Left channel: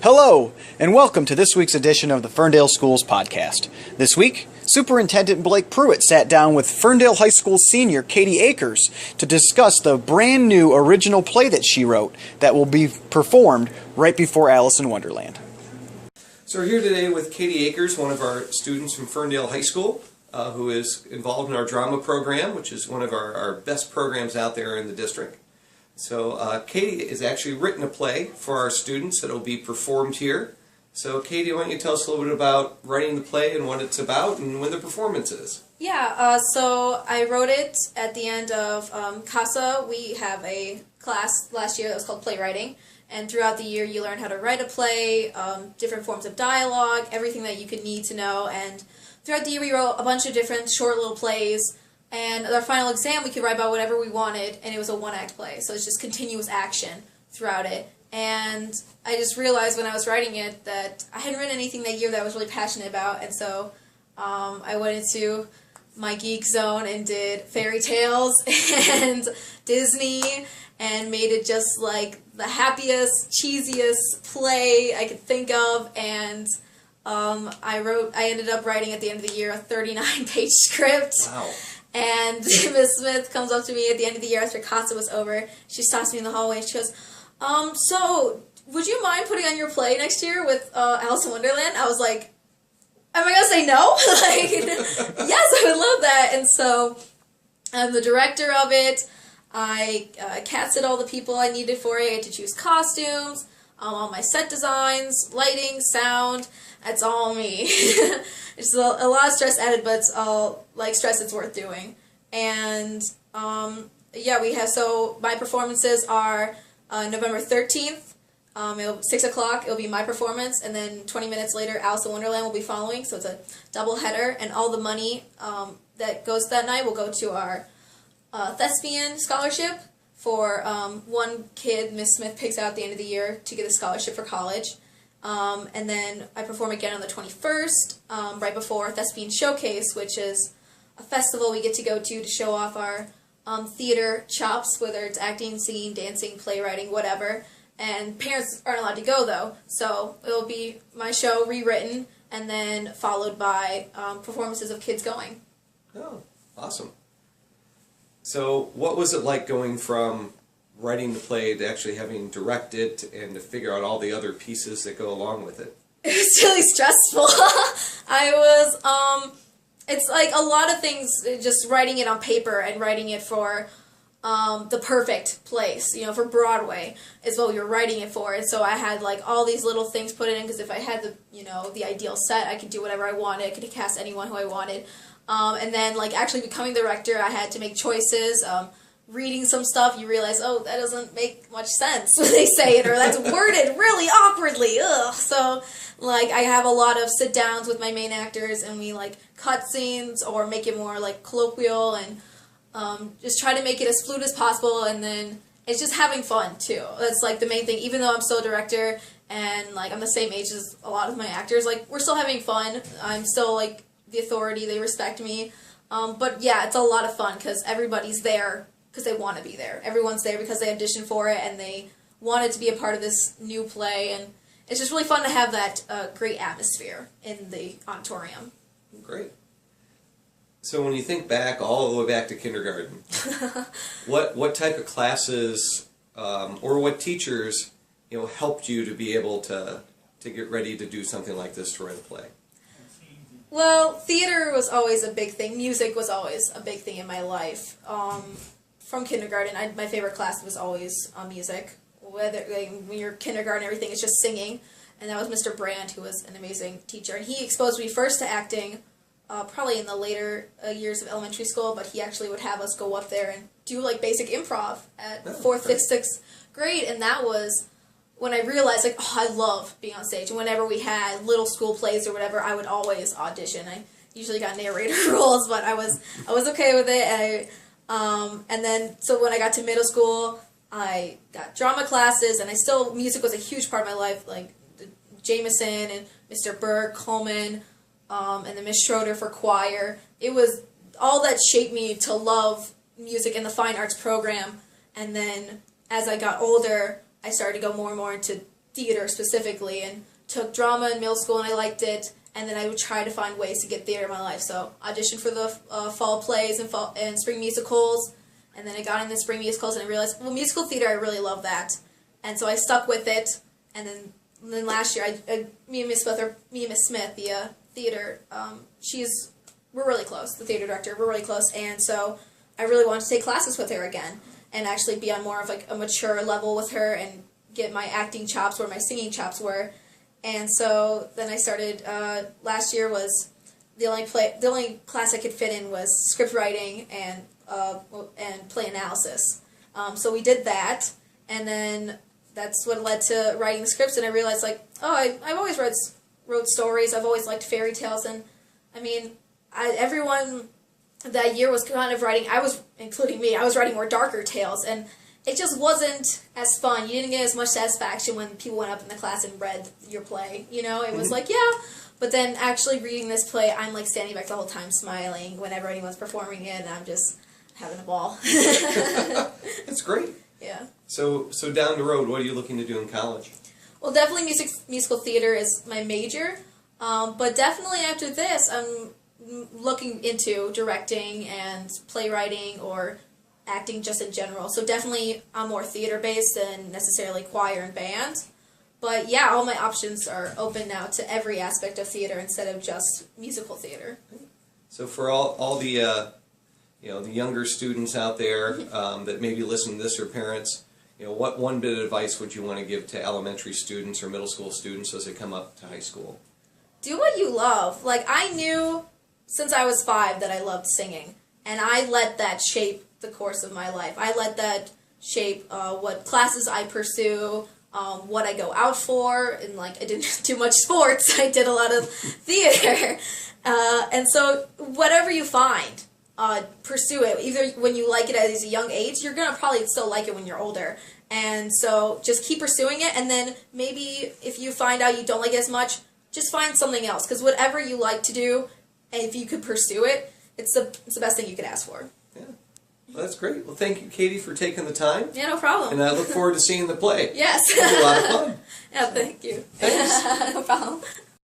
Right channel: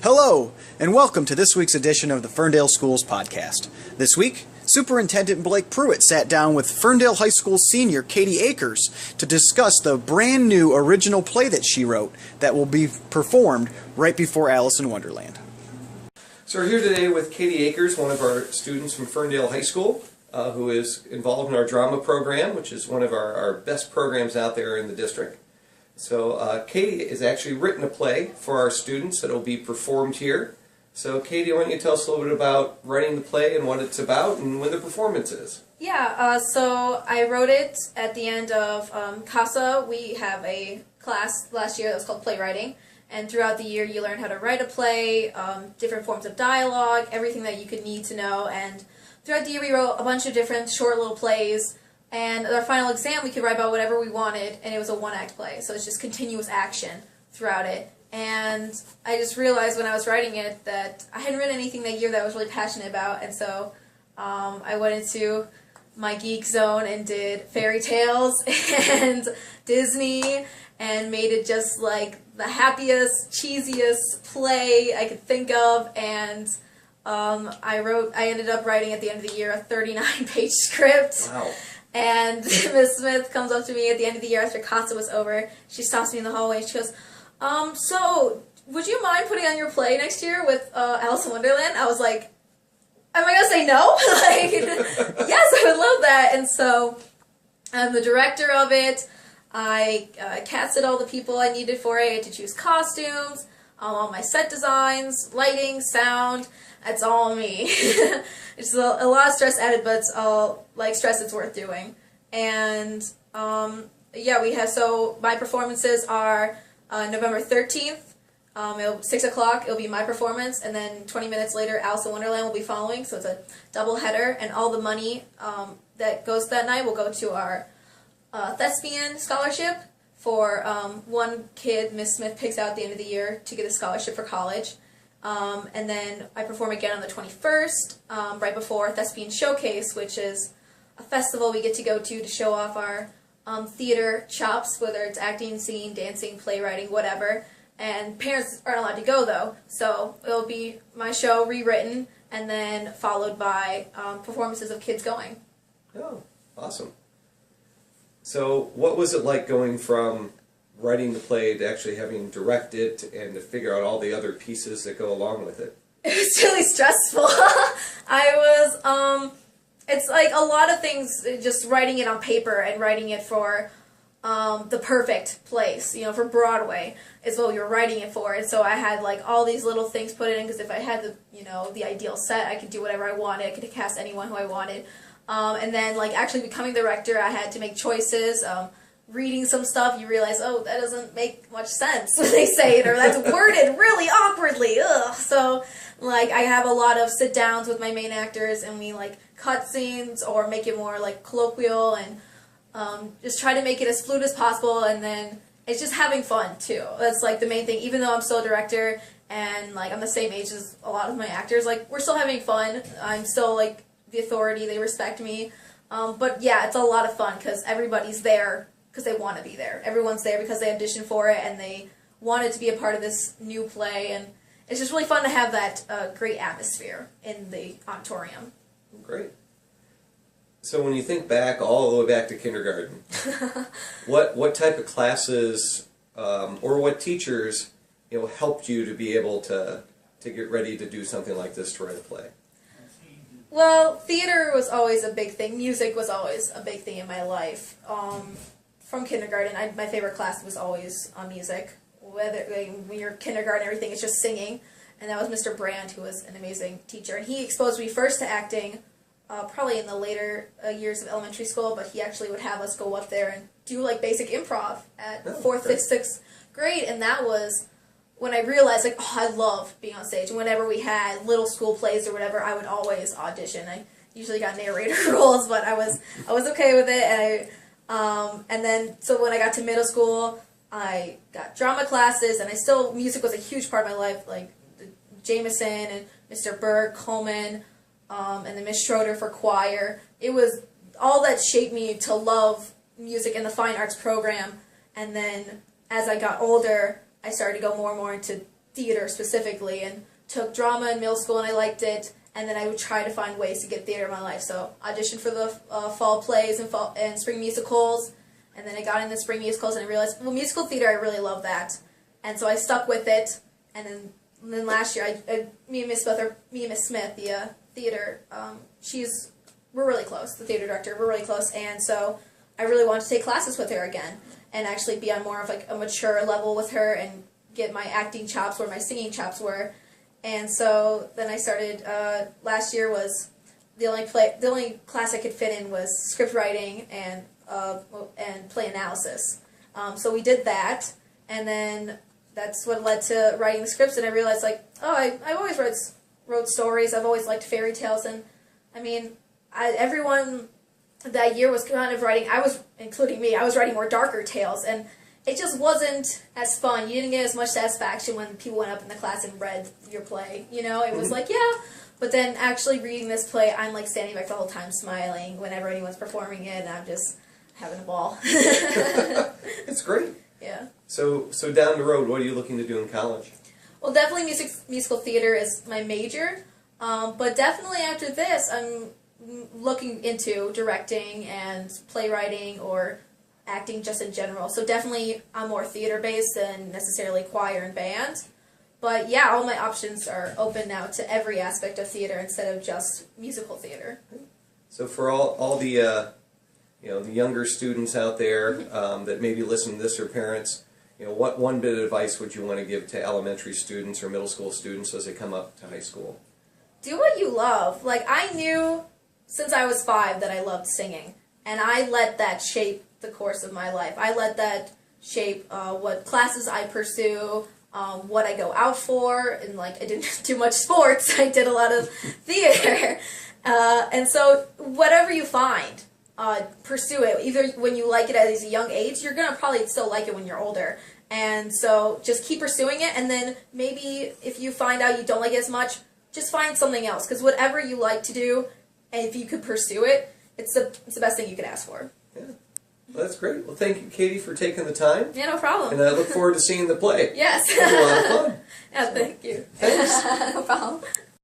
Hello, and welcome to this week's edition of the Ferndale Schools Podcast. This week, Superintendent Blake Prewitt sat down with Ferndale High School senior Katie Akers to discuss the brand new original play that she wrote that will be performed right before Alice in Wonderland. So we're here today with Katie Akers, one of our students from Ferndale High School, who is involved in our drama program, which is one of our best programs out there in the district. So Katie has actually written a play for our students that will be performed here. So Katie, why don't you tell us a little bit about writing the play and what it's about and when the performance is? Yeah, so I wrote it at the end of CASA. We have a class last year that was called playwriting. And throughout the year you learn how to write a play, different forms of dialogue, everything that you could need to know. And throughout the year we wrote a bunch of different short little plays. And at our final exam, we could write about whatever we wanted, and it was a one-act play. So it's just continuous action throughout it. And I just realized when I was writing it that I hadn't written anything that year that I was really passionate about. And so I went into my geek zone and did fairy tales and Disney and made it just like the happiest, cheesiest play I could think of. And I ended up writing at the end of the year a 39-page script. Wow. And Miss Smith comes up to me at the end of the year after CASA was over. She stops me in the hallway and she goes, so would you mind putting on your play next year with Alice in Wonderland? I was like, am I going to say no? Yes, I would love that. And so I'm the director of it. I casted all the people I needed for it. I had to choose costumes, all my set designs, lighting, sound. That's all me. It's a lot of stress added, but it's all like stress it's worth doing. And so my performances are November 13th. 6 o'clock it'll be my performance, and then 20 minutes later Alice in Wonderland will be following. So it's a double header, and all the money that goes that night will go to our Thespian scholarship for one kid Miss Smith picks out at the end of the year to get a scholarship for college. And then I perform again on the 21st, right before Thespian Showcase, which is a festival we get to go to show off our theater chops, whether it's acting, singing, dancing, playwriting, whatever. And parents aren't allowed to go, though, so it'll be my show rewritten and then followed by performances of kids going. Oh, awesome. So what was it like going from writing the play to actually having to direct it and to figure out all the other pieces that go along with it? It was really stressful. It's like a lot of things, just writing it on paper and writing it for the perfect place, for Broadway is what we were writing it for. And so I had like all these little things put in, because if I had the ideal set, I could do whatever I wanted. I could cast anyone who I wanted. And then like actually becoming the director, I had to make choices. Reading some stuff, you realize, that doesn't make much sense when they say it, or that's worded really awkwardly. Ugh. So, like, I have a lot of sit-downs with my main actors, and we, like, cut scenes or make it more, like, colloquial, and just try to make it as fluid as possible, and then it's just having fun, too. That's, like, the main thing. Even though I'm still a director, and, like, I'm the same age as a lot of my actors, like, we're still having fun. I'm still, like, the authority. They respect me. But, yeah, it's a lot of fun, because everybody's there because they want to be there. Everyone's there because they auditioned for it and they wanted to be a part of this new play, and it's just really fun to have that great atmosphere in the auditorium. Great. So when you think back, all the way back to kindergarten, what type of classes or what teachers helped you to be able to get ready to do something like this, to write a play? Well, theater was always a big thing. Music was always a big thing in my life. From kindergarten, my favorite class was always music. Whether when you're kindergarten, everything is just singing, and that was Mr. Brand, who was an amazing teacher. And he exposed me first to acting, probably in the later years of elementary school. But he actually would have us go up there and do like basic improv at 4th, 5th, 6th grade, and that was when I realized I love being on stage. And whenever we had little school plays or whatever, I would always audition. I usually got narrator roles, but I was okay with it. And then, so when I got to middle school, I got drama classes, and music was a huge part of my life, like Jameson and Mr. Berg, Coleman, and then Miss Schroeder for choir. It was all that shaped me to love music and the fine arts program. And then as I got older, I started to go more and more into theater specifically, and took drama in middle school, and I liked it. And then I would try to find ways to get theater in my life. So auditioned for the fall plays and spring musicals, and then I got into spring musicals, and I realized, well, musical theater, I really love that, and so I stuck with it. And then last year, me and Miss Smith, the theater, we're really close. The theater director, we're really close, and so I really wanted to take classes with her again, and actually be on more of like a mature level with her, and get my acting chops where my singing chops were. And so then I started. Last year was the only class I could fit in was script writing and play analysis. So we did that, and then that's what led to writing the scripts. And I realized, like, I've always wrote stories. I've always liked fairy tales, and I mean, everyone that year was kind of writing. Including me. I was writing more darker tales, and it just wasn't as fun. You didn't get as much satisfaction when people went up in the class and read your play. You know, it was like, yeah. But then actually reading this play, I'm like standing back the whole time smiling whenever anyone's performing it, and I'm just having a ball. It's great. Yeah. So down the road, what are you looking to do in college? Well, definitely musical theater is my major. But definitely after this, I'm looking into directing and playwriting or acting just in general. So definitely I'm more theater-based than necessarily choir and band. But yeah, all my options are open now to every aspect of theater instead of just musical theater. So for all the the younger students out there that maybe listen to this, or parents, what one bit of advice would you want to give to elementary students or middle school students as they come up to high school? Do what you love. Like, I knew since I was 5 that I loved singing, and I let that shape the course of my life. I let that shape what classes I pursue, what I go out for, and like I didn't do much sports. I did a lot of theater, and so whatever you find, pursue it. Either when you like it at a young age, you're gonna probably still like it when you're older. And so just keep pursuing it, and then maybe if you find out you don't like it as much, just find something else. Because whatever you like to do, and if you could pursue it, it's the best thing you could ask for. Yeah. Well, that's great. Well, thank you, Katie, for taking the time. Yeah, no problem. And I look forward to seeing the play. Yes. It'll be a lot of fun. Yeah, thank you. Thanks. No problem.